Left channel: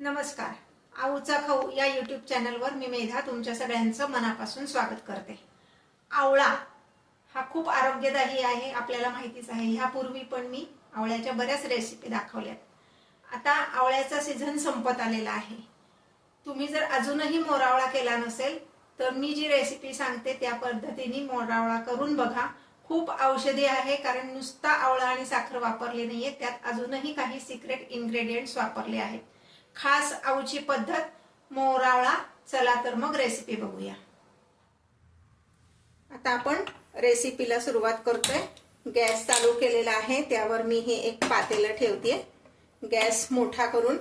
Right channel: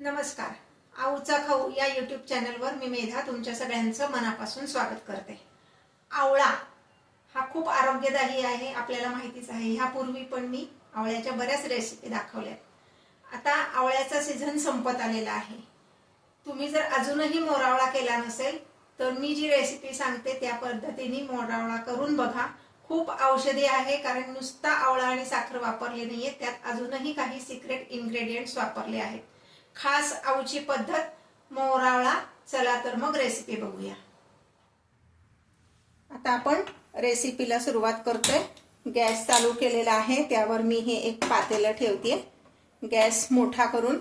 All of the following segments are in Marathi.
नमस्कार. आऊचा खाऊ या यूट्यूब चॅनलवर मी मेधा तुमच्या सगळ्यांचं मनापासून स्वागत करते. आवळा हा खूप आरोग्यदायी आहे, आपल्याला माहितीच आहे. ह्यापूर्वी पण मी आवळ्याच्या बऱ्याच रेसिपी दाखवल्यात. आता आवळ्याचा सीझन संपत आलेला आहे. तुम्ही जर अजूनही मोरावळा केला नसेल तर मी जी रेसिपी सांगते त्या पद्धतीने मोरावळा करून बघा. खूप औषधी आहे, कारण नुसता आवळा आणि साखर वापरली नाहीये, त्यात अजूनही काही सिक्रेट इन्ग्रेडियंट्स वापरले आहेत. खास आऊची पद्धत मोरावळा. चला तर मग रेसिपी बघूया. आता आपण रेसिपीला सुरुवात करतोय. गॅस चालू केलेला आहे, त्यावर मी हे एक पातेलं ठेवते. गॅस मोठा करून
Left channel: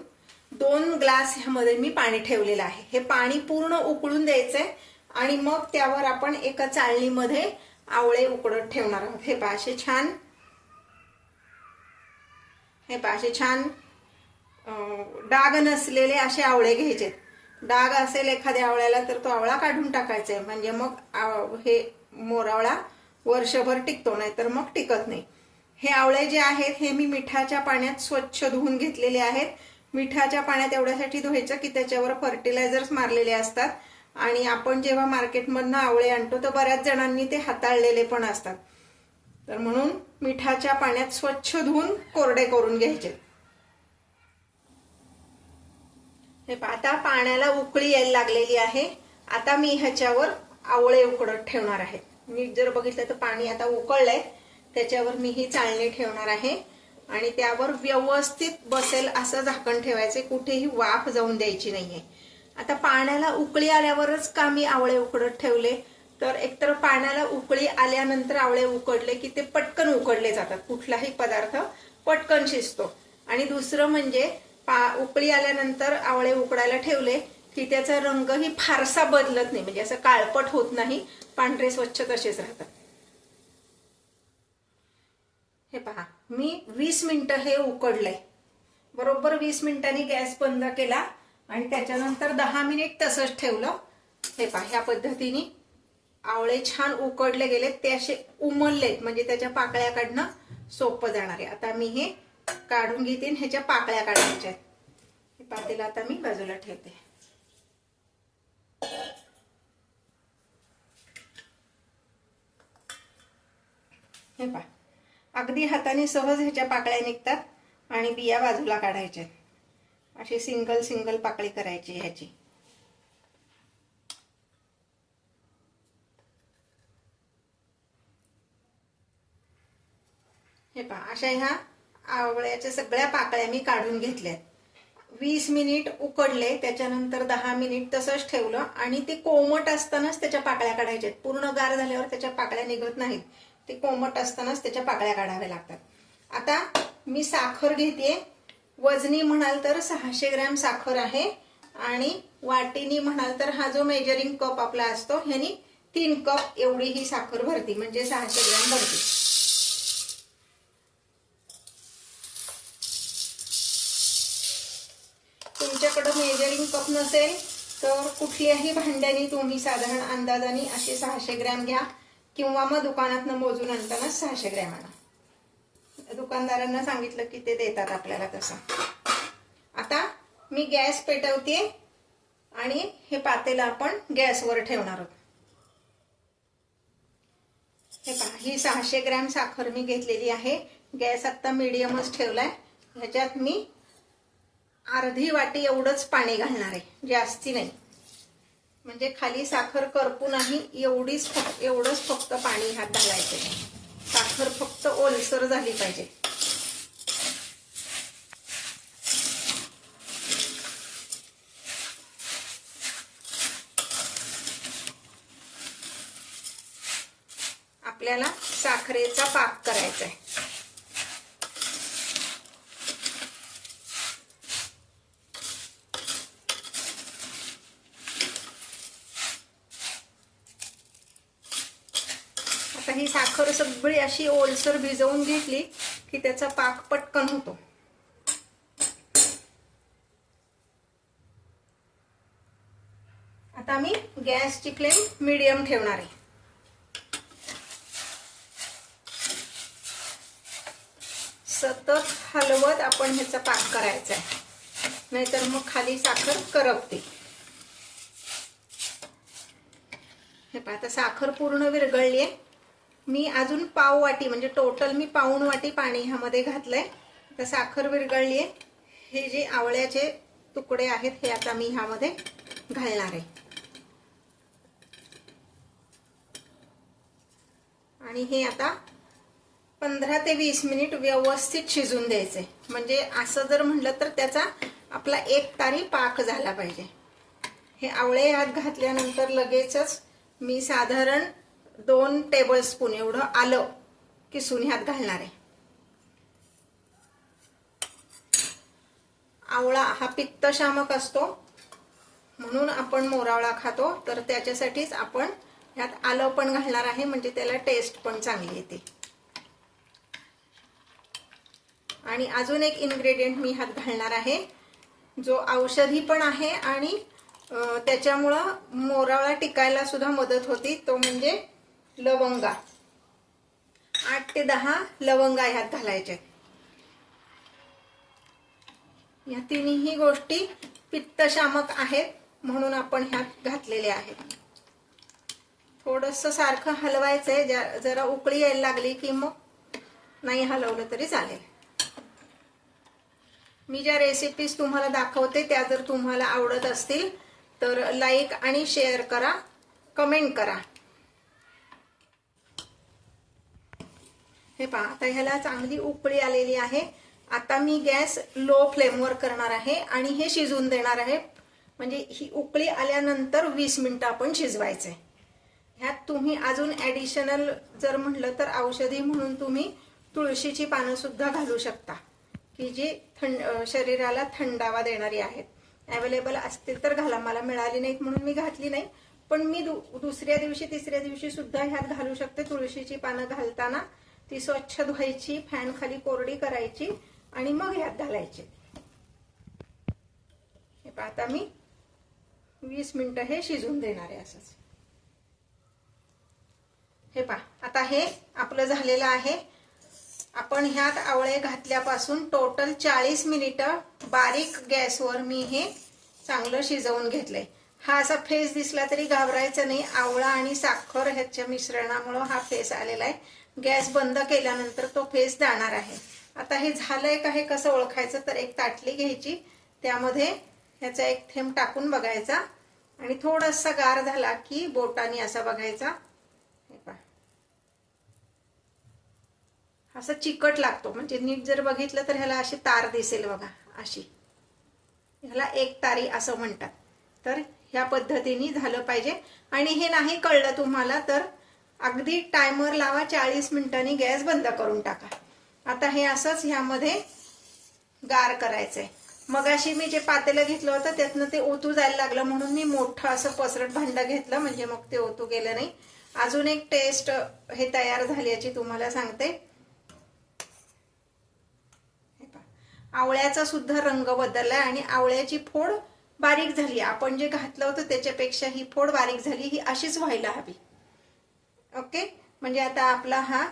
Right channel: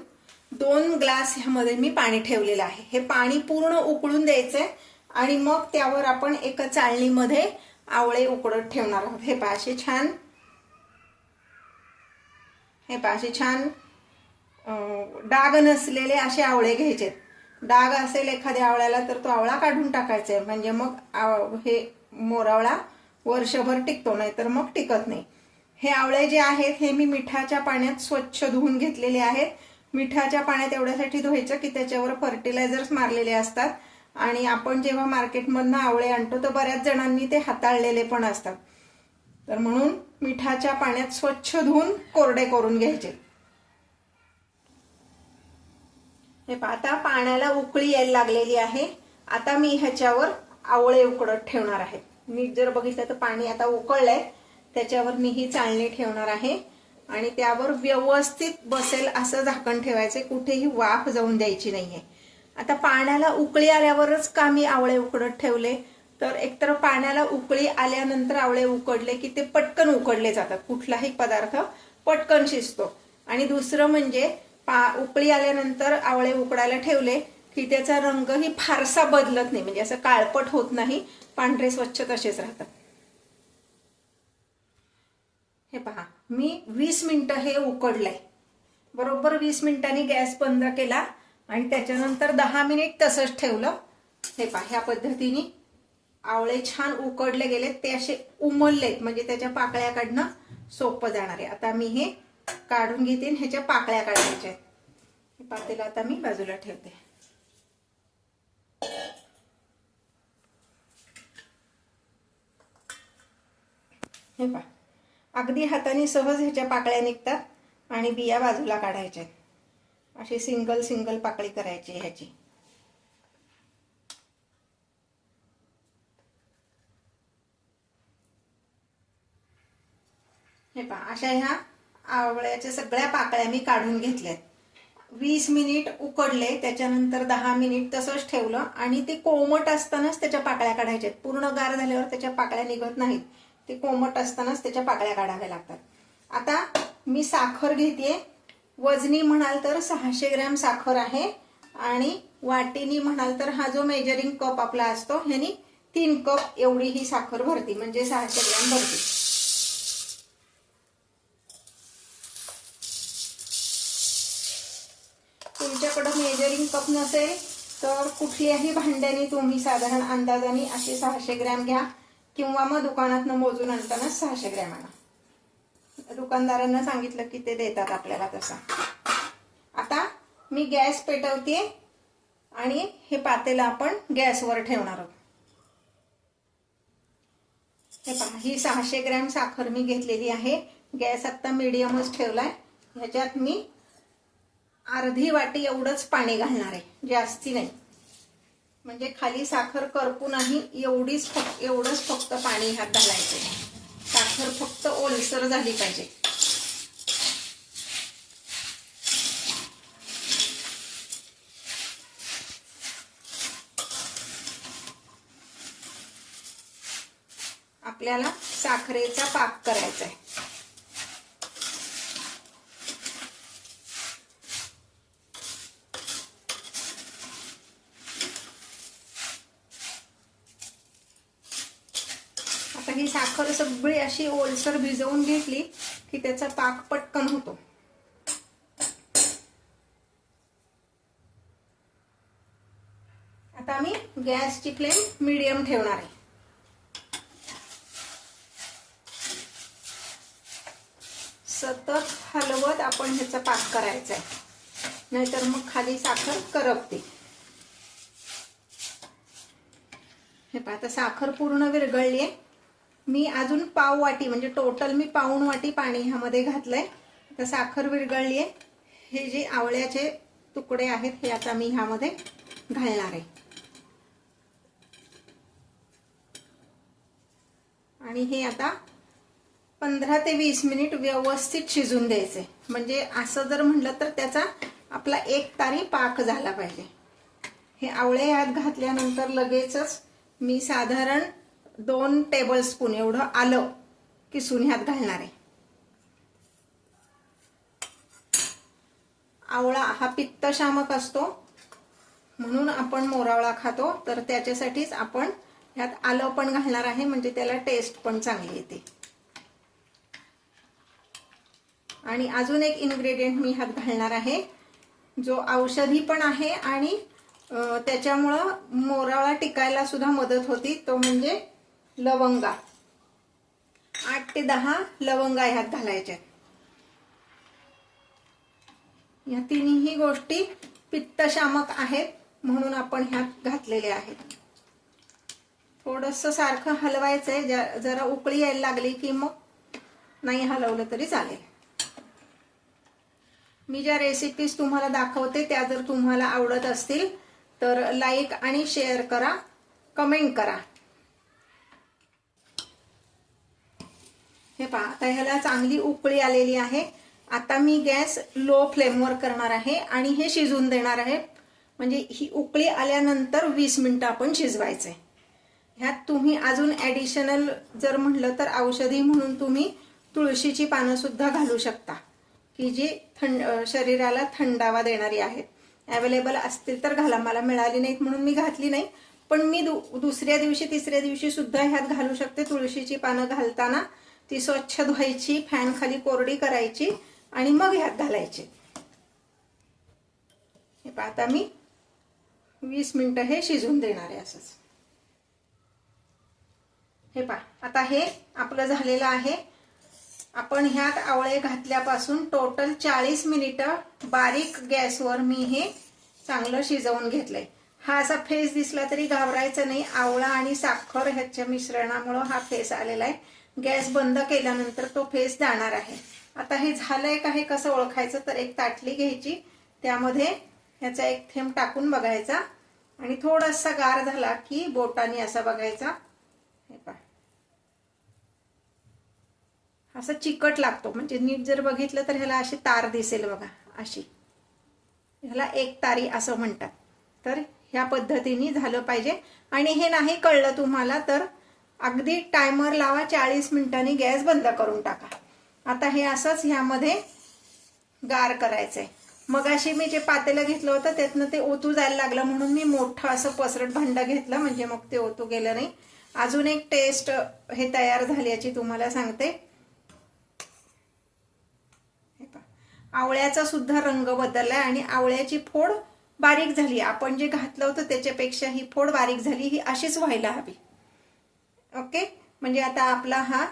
2 ग्लास ह्यामध्ये मी पाणी ठेवलेलं आहे. हे पाणी पूर्ण उकळून द्यायचंय आणि मग त्यावर आपण एका चाळणीमध्ये आवळे उकडत ठेवणार आहोत. हे पहा असे छान डाग नसलेले असे आवळे घ्यायचे. डाग असेल एखाद्या आवळ्याला तर तो आवळा काढून टाकायचा आहे, म्हणजे मग हे मोरावळा वर्षभर टिकतो, नाही तर मग टिकत नाही. हे आवळे जे आहेत हे मी मिठाच्या पाण्यात स्वच्छ धुवून घेतलेले आहेत. मिठाच्या पाण्यात एवढ्यासाठी धुवायचं की त्याच्यावर फर्टिलायझर्स मारलेले असतात आणि आपण जेव्हा मार्केटमधनं आवळे आणतो तर बऱ्याच जणांनी ते हाताळलेले पण असतात. तर म्हणून मिठाच्या पाण्यात स्वच्छ धुवून कोरडे करून घ्यायचे. आता पाण्याला उकळी यायला लागलेली आहे. आता मी ह्याच्यावर आवळे उकडत ठेवणार आहे. नीट जर बघितलं तर पाणी आता उकळलंय, त्याच्यावर मी ही चाळणी ठेवणार आहे आणि त्यावर व्यवस्थित बसेल असं झाकण ठेवायचे, कुठेही वाफ जाऊन द्यायची नाहीये. आता पाण्याला उकळी आल्यावरच का मी आवळे उकडत ठेवले, तर एकतर पाण्याला उकळी आल्यानंतर आवळे उकडले की ते पटकन उकडले जातात, कुठलाही पदार्थ पटकन शिजतो. आणि दुसरं म्हणजे उकळी आल्यानंतर आवळे उकडायला ठेवले की त्याचा रंगही फारसा बदलत नाही, म्हणजे असं काळपट होत नाही, पांढरे स्वच्छ तसेच राहतात. हे पहा, मी 20 मिनिटं हे उकडलंय. बरोबर 20 मिनिटांनी गॅस बंद केला आणि त्याच्यानंतर 10 मिनिट तसंच ठेवलं. हे पहा, ह्या पद्धतीने आवळे छान उकडले गेलेत, ते असे उमललेत, म्हणजे त्याच्या पाकळ्या काढणं सोपं जाणार आहे. आता मी हे काढून घेते, ह्याच्या पाकळ्या काढायच्या आहेत. हे पातेलं आता मी बाजूला ठेवते. हे पहा, अगदी हाताने सहज ह्याच्या पाकळ्या निघतात आणि बिया बाजूला काढायच्या. अशी सिंगल सिंगल पाकळी करायची ह्याची. हे पहा, अशा ह्या आवळ्याच्या सगळ्या पाकळ्या मी काढून घेतल्यात. 20 मिनिट उकडले, त्याच्यानंतर 10 मिनिट तसंच ठेवलं आणि ते कोमट असतानाच त्याच्या पाकळ्या काढायच्या. पूर्ण गार झाल्यावर त्याच्या पाकळ्या निघत नाहीत, ते कोमट असतानाच त्याच्या पाकळ्या काढाव्या लागतात. आता मी साखर घेते. वजनी म्हणाल तर 600 ग्रॅम साखर आहे आणि वाटीनी म्हणाल तर हा जो मेजरिंग कप आपला असतो ह्यानी 3 कप एवढी ही साखर भरती, म्हणजे 600 ग्रॅम भरती. तुमच्याकडे मेजरिंग कप नसेल तर कुठल्याही भांड्याने तुम्ही साधारण अंदाजाने असे 600 ग्रॅम घ्या, किंवा मग दुकानातनं मोजून आणताना 600 ग्रॅम आणा. दुकानदारांना सांगितलं की ते देतात आपल्याला तसा. आता मी गॅस पेटवते आणि हे पातेलं आपण गॅसवर ठेवणार आहोत. हे पहा, ही 600 ग्रॅम साखर मी घेतलेली आहे. गॅस आता मीडियमच ठेवलाय. ह्याच्यात मी अर्धी वाटी एवढंच पाणी घालणार आहे, जास्ती नाही, म्हणजे खाली साखर करपू नाही एवढंच फक्त पाणी ह्यात घालायचं. साखर फक्त ओलसर झाली पाहिजे. आपल्याला साखरेचा पाक करायचा आहे. आता ही साखर सगळी अशी ओलसर भिजवून घेतली की त्याचा पाक पटकन होतो. आता मी गॅसची फ्लेम मीडियम ठेवणार आहे. सतत हलवत आपण ह्याचा पाक करायचा आहे. नाहीतर मग खाली साखर करपते. हे पहा, आता साखर पूर्ण विरघळली आहे. मी अजून पाव वाटी म्हणजे टोटल मी पाऊण वाटी पाणी ह्यामध्ये घातलंय. आता साखर विरघळली आहे. हे जे आवळ्याचे तुकडे आहेत हे आता मी ह्यामध्ये घालणार आहे. आणि हे आता 15 ते 20 मिनिट व्यवस्थित शिजून द्यायचे. म्हणजे असं जर म्हटलं तर त्याचा आपला 1 तारी पाक झाला पाहिजे. हे आवळे ह्यात घातल्यानंतर लगेचच मी साधारण 2 टेबलस्पून एवढं आलं किसून ह्यात घालणार आहे. आवळा हा पित्तशामक असतो म्हणून आपण मोरावळा खातो, तर त्याच्यासाठीच आपण ह्यात आलं पण घालणार आहे, म्हणजे त्याला टेस्ट पण चांगली येते. आणि अजून एक इन्ग्रेडियंट मी ह्यात घालणार आहे जो औषधी पण आहे आणि त्याच्यामुळं मोरावळा टिकायला सुद्धा मदत होती, तो म्हणजे लवंगा. 8 ते 10 लवंगा ह्यात घालायच्या. या तिन्ही गोष्टी पित्तशामक आहेत म्हणून आपण ह्यात घातलेले आहेत. थोडंसं सारखं हलवायचंय. जरा उकळी यायला लागली की मग नाही हलवलं तरी चालेल. मी ज्या रेसिपीज तुम्हाला दाखवते त्या जर तुम्हाला आवडत असतील तर लाईक आणि शेअर करा, कमेंट करा. हे पहा, आता ह्याला चांगली उकळी आलेली आहे. आता मी गॅस लो फ्लेमवर करणार आहे आणि हे शिजून देणार आहे. म्हणजे ही उकळी आल्यानंतर 20 मिनिटं आपण शिजवायचंय. ह्यात तुम्ही अजून ऍडिशनल जर म्हटलं तर औषधी म्हणून तुम्ही तुळशीची पानं सुद्धा घालू शकता, की जी शरीराला थंडावा देणारी आहेत. अवेलेबल असतील तर घाला. मला मिळाली नाहीत म्हणून मी घातली नाही, पण मी दुसऱ्या दिवशी तिसऱ्या दिवशी सुद्धा ह्यात घालू शकते. तुळशीची पानं घालताना ती स्वच्छ धुवायची, फॅन खाली कोरडी करायची आणि मग ह्यात घालायची. हे पहा, आता मी 20 मिनिटं हे शिजून देणार आहे असंच. हे पहा, आता हे आपलं झालेलं आहे. आपण ह्यात आवळे घातल्यापासून टोटल 40 मिनिटं बारीक गॅसवर मी हे चांगलं शिजवून घेतलंय. हा असा फेस दिसला तरी घाबरायचं नाही. आवळा आणि साखर ह्याच्या मिश्रणामुळे हा फेस आलेला आहे. गॅस बंद केल्यानंतर तो फेस जाणार आहे. आता हे झालंय का हे कसं ओळखायचं, तर एक ताटली घ्यायची, त्यामध्ये ह्याचा एक थेंब टाकून बघायचा आणि थोडासा गार झाला की बोटाने असा बघायचा. हे पहा, असं चिकट लागतो. म्हणजे नीट जर बघितलं तर ह्याला अशी तार दिसेल बघा, अशी. ह्याला 1 तारी असं म्हणतात. तर ह्या पद्धतीने झालं पाहिजे. आणि हे नाही कळलं तुम्हाला तर अगदी टायमर लावा, 40 मिनिटांनी गॅस बंद करून टाका. आता हे असंच ह्यामध्ये गार करायचंय. मगाशी मी जे पातेलं घेतलं होतं त्यातनं ते ओतू जायला लागलं म्हणून मी मोठं असं पसरट भांडं घेतलं, म्हणजे मग ते ओतू गेलं नाही. अजून एक टेस्ट हे तयार झाल्याची तुम्हाला सांगते. आवळ्याचा सुद्धा रंग बदललाय आणि आवळ्याची फोड बारीक झाली. आपण जे घातलं होतं त्याच्यापेक्षा ही फोड बारीक झाली. ही अशीच व्हायला हवी. ओके, म्हणजे आता आपला हा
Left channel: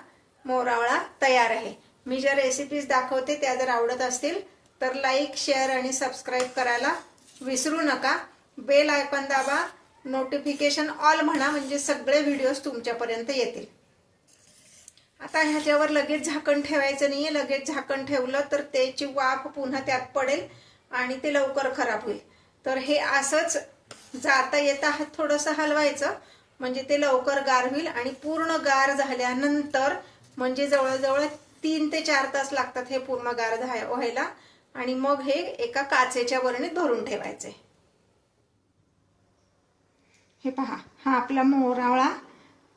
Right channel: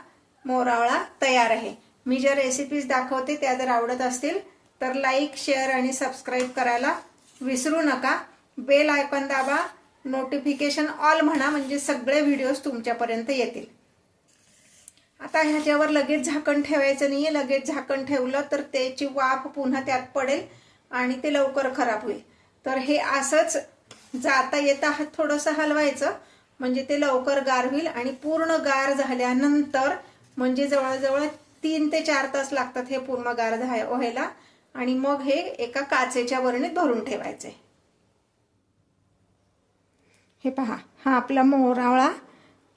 मोरावळा तयार आहे. मी ज्या रेसिपीज दाखवते त्या जर आवडत असतील तर लाईक, शेअर आणि सबस्क्राईब करायला विसरू नका. बेल आयकॉन दाबा, नोटिफिकेशन ऑल म्हणा, म्हणजे सगळे व्हिडिओज तुमच्यापर्यंत येतील. आता ह्याच्यावर लगेच झाकण ठेवायचं नाहीये. लगेच झाकण ठेवलं तर त्याची वाफ पुन्हा त्यात पडेल आणि ते लवकर खराब होईल. तर हे असंच जाता येता थोडंसं हलवायचं, म्हणजे ते लवकर गार होईल. आणि पूर्ण गार झाल्यानंतर म्हणजे जवळजवळ 3 ते 4 तास लागतात हे पूर्ण गार व्हायला. आणि मग हे एका काचेच्या बरणीत भरून ठेवायचंय. हे पहा, हा आपला मोरावळा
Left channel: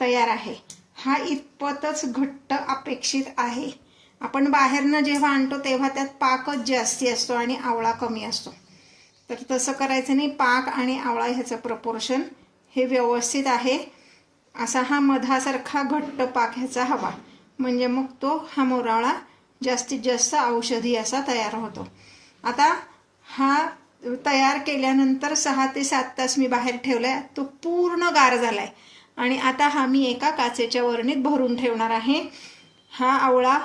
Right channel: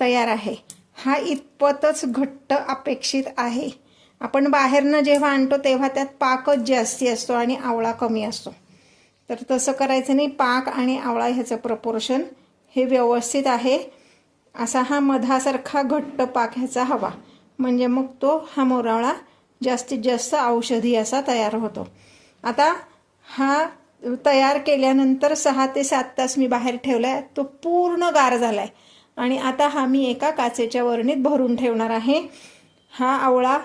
तयार आहे. हा इतपतच घट्ट अपेक्षित आहे. आपण बाहेरनं जेव्हा आणतो तेव्हा त्यात पाकच जास्ती असतो आणि आवळा कमी असतो. तर तसं करायचं नाही. पाक आणि आवळा ह्याचं प्रपोर्शन हे व्यवस्थित आहे. असा हा मधासारखा घट्ट पाक ह्याचा हवा, म्हणजे मग तो हा मोरावळा जास्तीत जास्त औषधी असा तयार होतो. आता हा तयार केल्यानंतर 6 ते 7 तास मी बाहेर ठेवलाय. तो पूर्ण गार झालाय आणि आता हा मी एका काचेच्या बरणीत भरून ठेवणार आहे. हा आवळा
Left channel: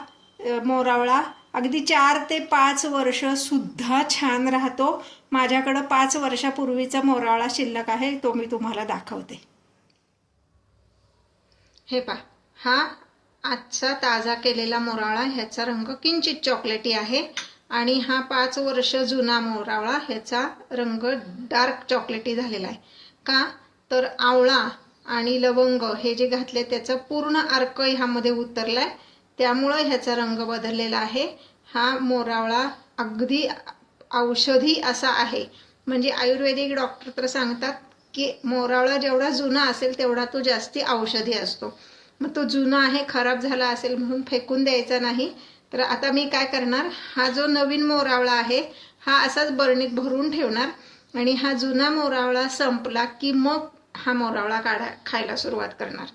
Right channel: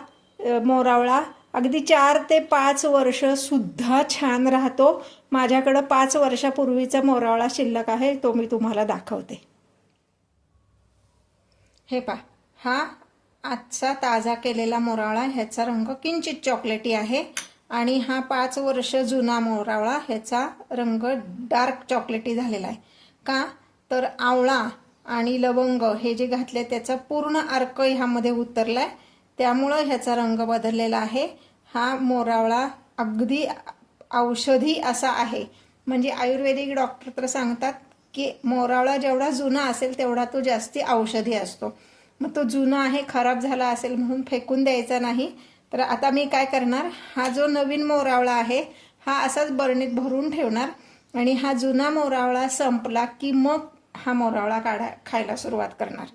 मोरावळा अगदी 4 ते 5 वर्ष सुद्धा छान राहतो. माझ्याकडे 5 वर्षापूर्वीचा मोरावळा शिल्लक आहे, तो मी तुम्हाला दाखवते. हे पहा, हा आजचा ताजा केलेला मोरावळा, ह्याचा रंग किंचित चॉकलेटी आहे. आणि हा 5 वर्ष जुना मोरावळा, ह्याचा रंग डार्क चॉकलेटी झालेला आहे. का तर आवळा आणि लवंग हे जे घातले त्याचा पूर्ण अर्क ह्यामध्ये उतरलाय, त्यामुळे ह्याचा रंग बदललेला आहे. हा मोरावळा अगदी औषधी असा आहे. म्हणजे आयुर्वेदिक डॉक्टर तर सांगतात की मोरावळा जेवढा जुना असेल तेवढा तो जास्ती औषधी असतो. मग तो जुना आहे, खराब झाला असेल म्हणून फेकून द्यायचा नाही. तर आता मी काय करणार, हा जो नवीन मोरावळा आहे हा असाच बरणीत भरून ठेवणार आणि हा जुना मोरावळा संपला की मग हा मोरावळा खायला सुरुवात करणार.